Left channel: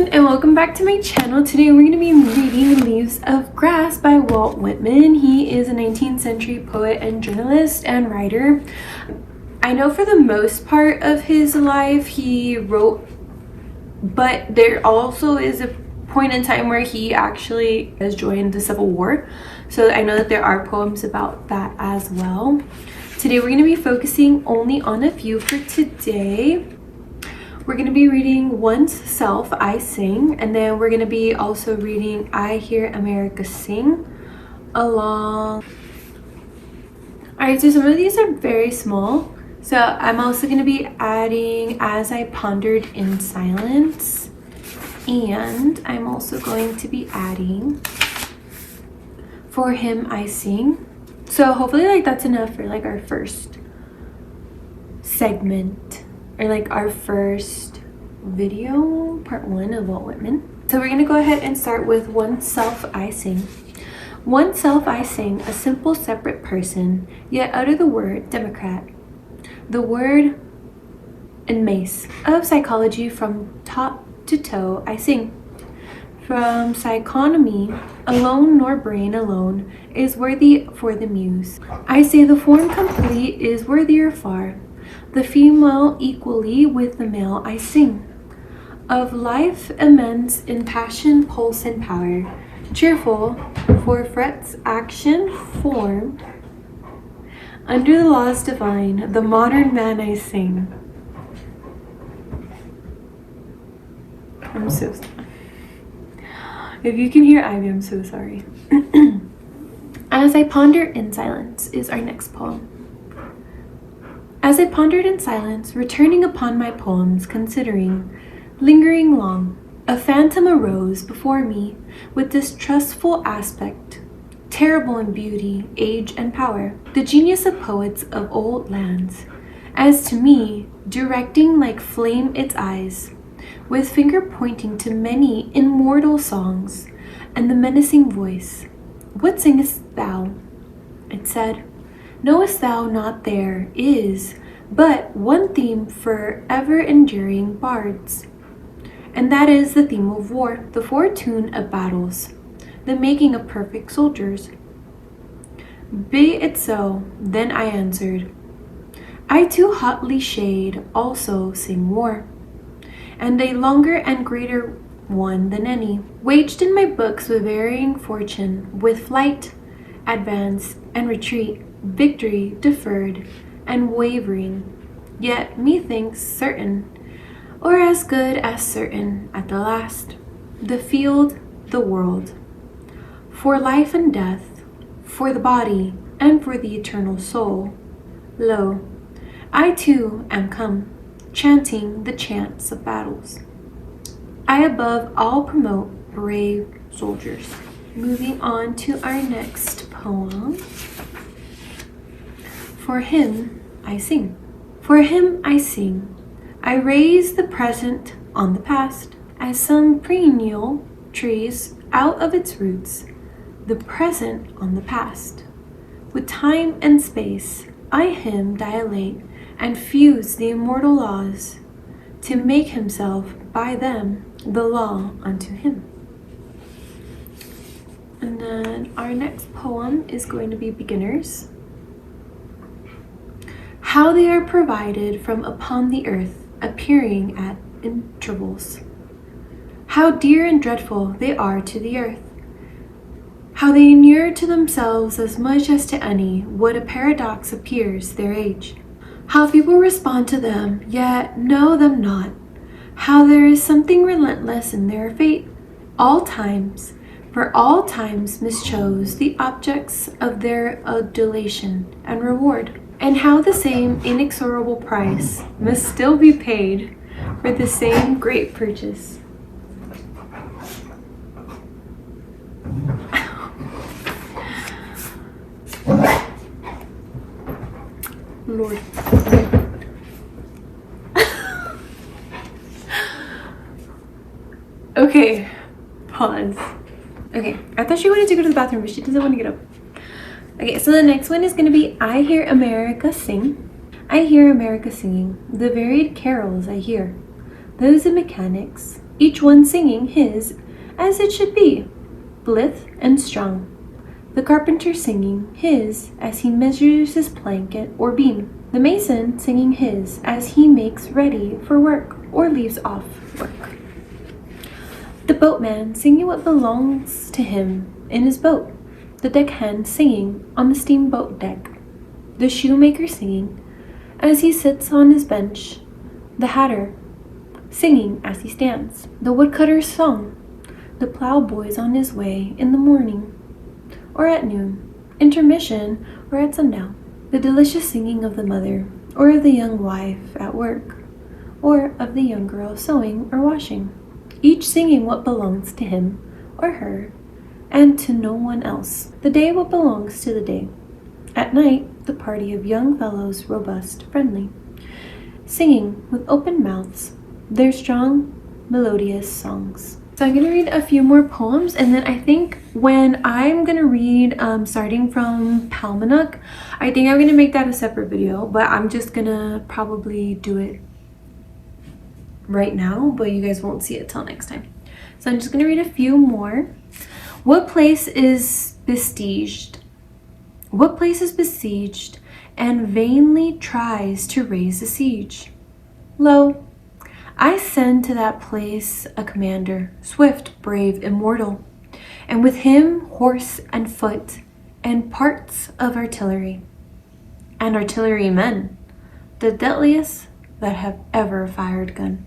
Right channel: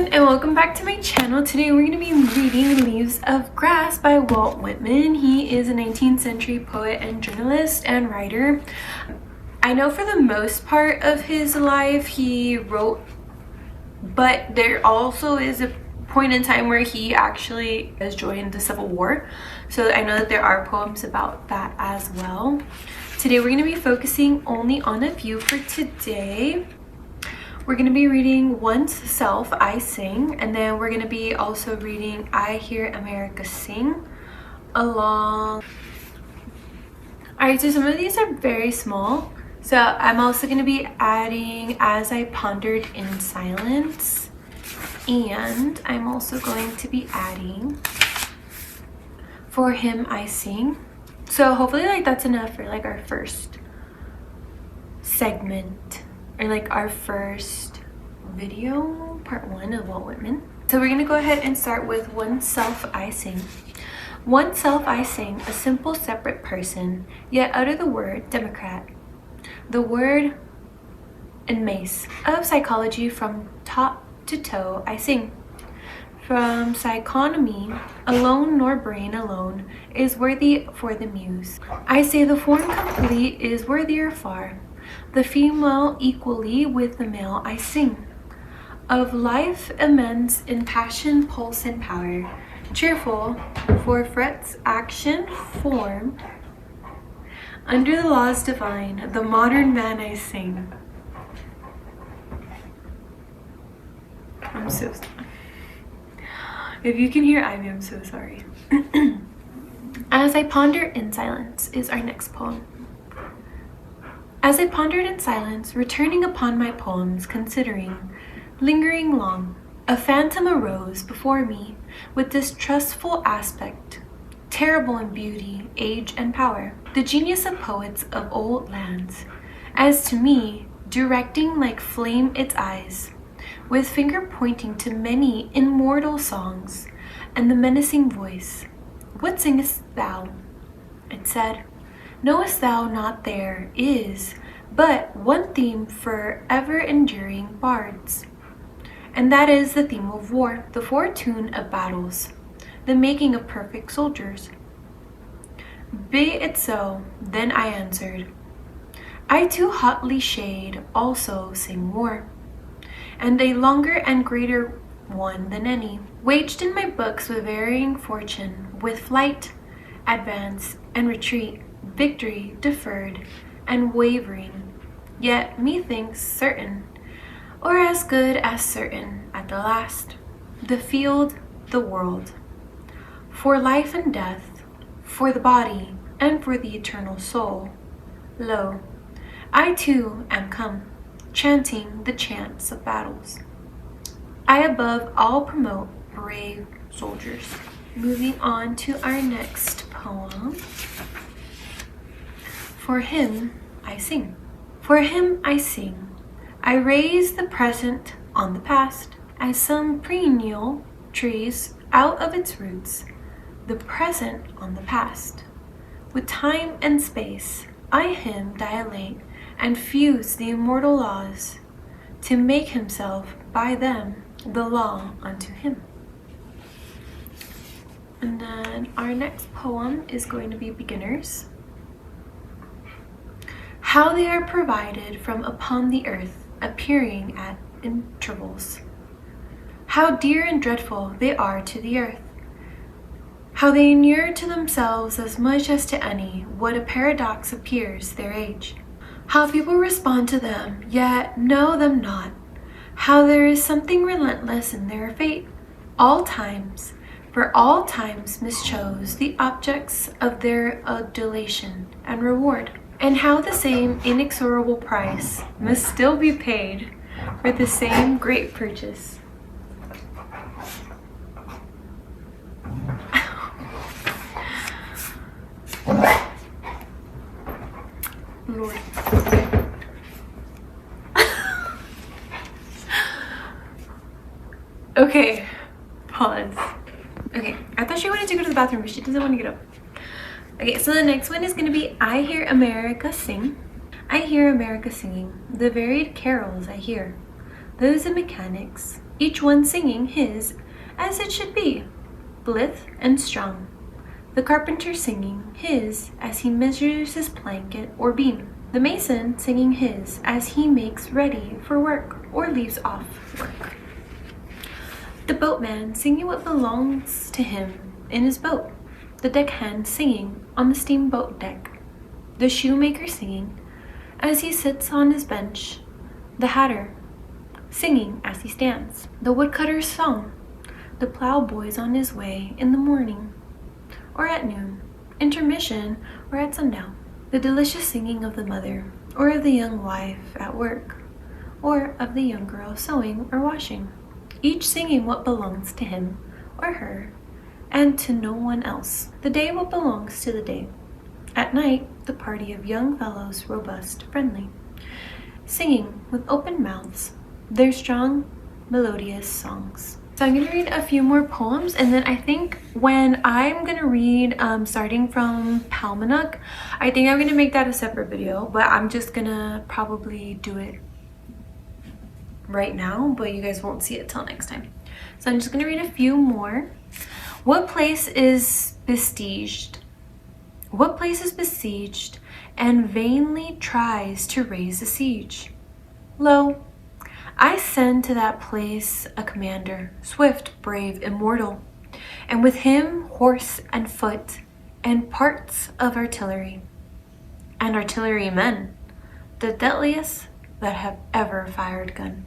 everyone, and welcome back to my channel. Today we're going to be reading Leaves of Grass by Walt Whitman. He is a 19th century poet and journalist and writer. I know for the most part of his life he wrote, but there also is a point in time where he actually has joined the Civil War. So I know that there are poems about that as well. Today we're going to be focusing only on a few for today. We're going to be reading Once Self I Sing, and then we're going to be also reading I Hear America Sing along. Alright, so some of these are very small. So I'm also going to be adding As I Pondered in Silence, and I'm also going to be adding For Him I Sing. So hopefully that's enough for our first segment, or our first video, part 1 of Walt Whitman. So we're gonna go ahead and start with One Self I Sing. One self I sing, a simple separate person, yet utter the word Democrat. The word and mace of psychology from top to toe I sing. From psychonomy alone nor brain alone is worthy for the muse. I say the form complete is worthier far. The female equally with the male I sing. Of life immense in passion, pulse, and power. Cheerful for frets, action, form. Under the laws divine, the modern man I sing. I'm so sorry. If you can hear Ivy, I'm so sorry. As I Ponder in Silence is our next poem. As I pondered in silence, returning upon my poems, considering, lingering long, a phantom arose before me with distrustful aspect, terrible in beauty, age, and power, the genius of poets of old lands, as to me, directing like flame its eyes, with finger pointing to many immortal songs, and the menacing voice, What singest thou? It said, Knowest thou not there is but one theme for ever-enduring bards, and that is the theme of war, the fortune of battles, the making of perfect soldiers. Be it so, then I answered, I too hotly shade also sing war, and a longer and greater one than any, waged in my books with varying fortune, with flight, advance, and retreat, victory deferred and wavering, yet methinks certain, or as good as certain at the last, the field, the world, for life and death, for the body and for the eternal soul. Lo, I too am come, chanting the chants of battles. I above all promote brave soldiers. Moving on to our next poem. For Him I Sing. For Him I sing. I raise the present on the past, as some perennial trees out of its roots, the present on the past. With time and space I him dilate and fuse the immortal laws, to make himself by them the law unto him. And then our next poem is going to be Beginners. How they are provided from upon the earth, appearing at intervals. How dear and dreadful they are to the earth. How they inure to themselves as much as to any, what a paradox appears their age. How people respond to them, yet know them not. How there is something relentless in their fate. All times, for all times mischose the objects of their adulation and reward. And how the same inexorable price must still be paid for the same great purchase. Lord. Okay, pause. Okay, I thought she wanted to go to the bathroom, but she doesn't want to get up. Okay, so the next one is going to be I Hear America Sing. I hear America singing, the varied carols I hear, those of mechanics, each one singing his as it should be, blithe and strong. The carpenter singing his as he measures his blanket or beam. The mason singing his as he makes ready for work or leaves off work. The boatman singing what belongs to him in his boat. The deckhand singing on the steamboat deck. The shoemaker singing as he sits on his bench. The hatter singing as he stands. The woodcutter's song. The plowboy's on his way in the morning or at noon, intermission or at sundown. The delicious singing of the mother or of the young wife at work or of the young girl sewing or washing, each singing what belongs to him or her and to no one else. The day what belongs to the day. At night, the party of young fellows, robust, friendly, singing with open mouths their strong, melodious songs. So I'm going to read a few more poems, and then I think when I'm going to read starting from Palmanook, I think I'm going to make that a separate video, but I'm just going to probably do it right now, but you guys won't see it till next time. So I'm just going to read a few more. What place is besieged? What place is besieged and vainly tries to raise the siege? Lo, I send to that place a commander, swift, brave, immortal, and with him horse and foot, and parts of artillery, and artillerymen, the deadliest that have ever fired gun.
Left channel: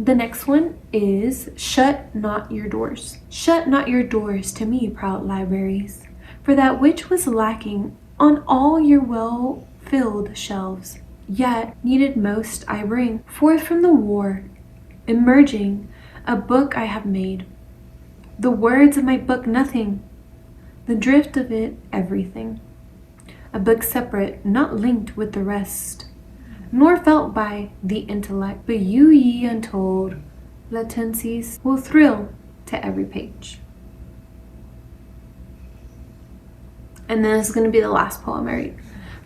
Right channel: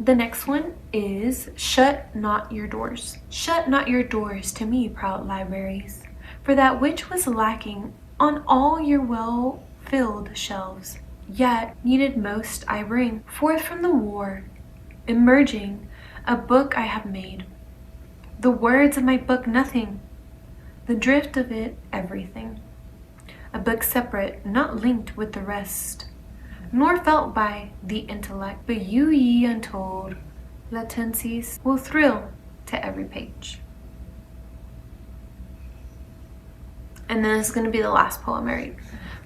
The next one is shut not your doors. Shut not your doors to me, proud libraries, for that which was lacking on all your well-filled shelves, yet needed most I bring forth from the war, emerging a book I have made. The words of my book nothing, the drift of it everything. A book separate, not linked with the rest, nor felt by the intellect, but you ye untold latencies will thrill to every page. And then this is going to be the last poem I read.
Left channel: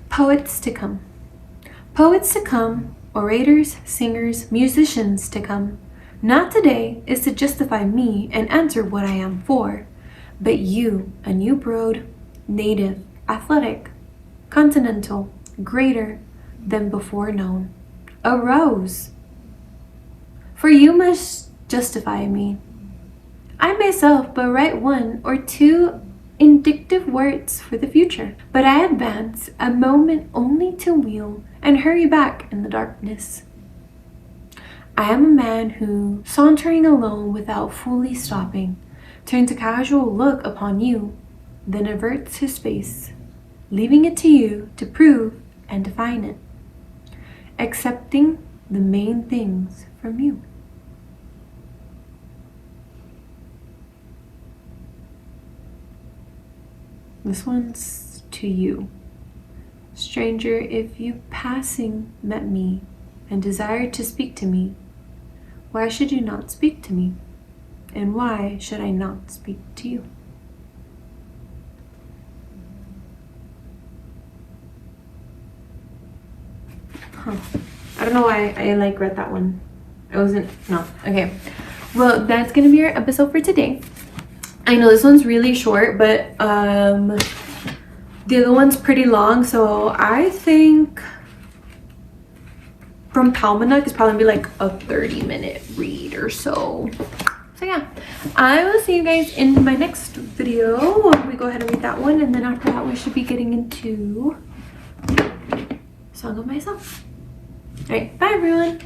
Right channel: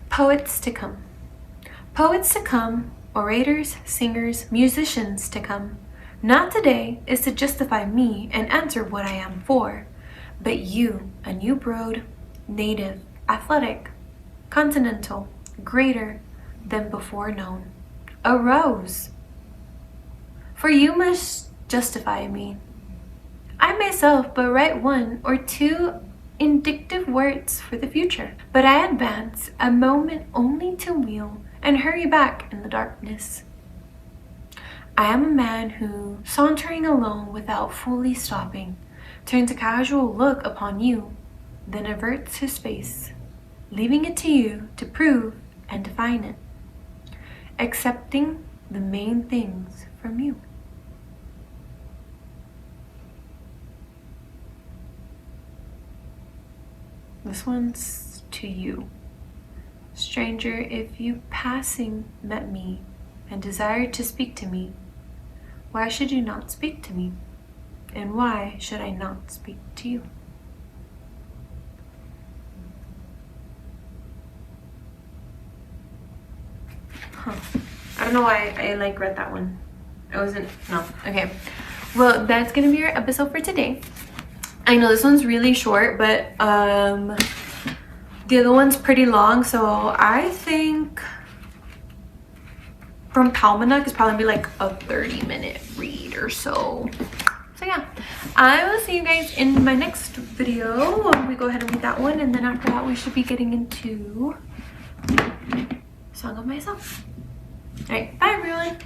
Poets to come. Poets to come, orators, singers, musicians to come. Not today is to justify me and answer what I am for, but you, a new brood, native, athletic, continental, greater than before known, arose. For you must justify me. I myself but write one or two indicative words for the future, but I advance a moment only to wheel and hurry back in the darkness. I am a man who, sauntering alone without fully stopping, turns a casual look upon you, then averts his face, leaving it to you to prove and define it, accepting the main things from you. This one's to you. Stranger, if you passing met me and desired to speak to me, why should you not speak to me? And why should I not speak to you? Huh. I don't know why I read that one. No. Okay. Well, that's gonna be our episode for today. I know this one's really short, but the other one's pretty long, so I think from Palmanook is probably gonna be a 30-minute read or so. So yeah, I will see you guys in my next video. We go ahead and read that one, and then after that we should be getting into Song of Myself. All right, bye everyone.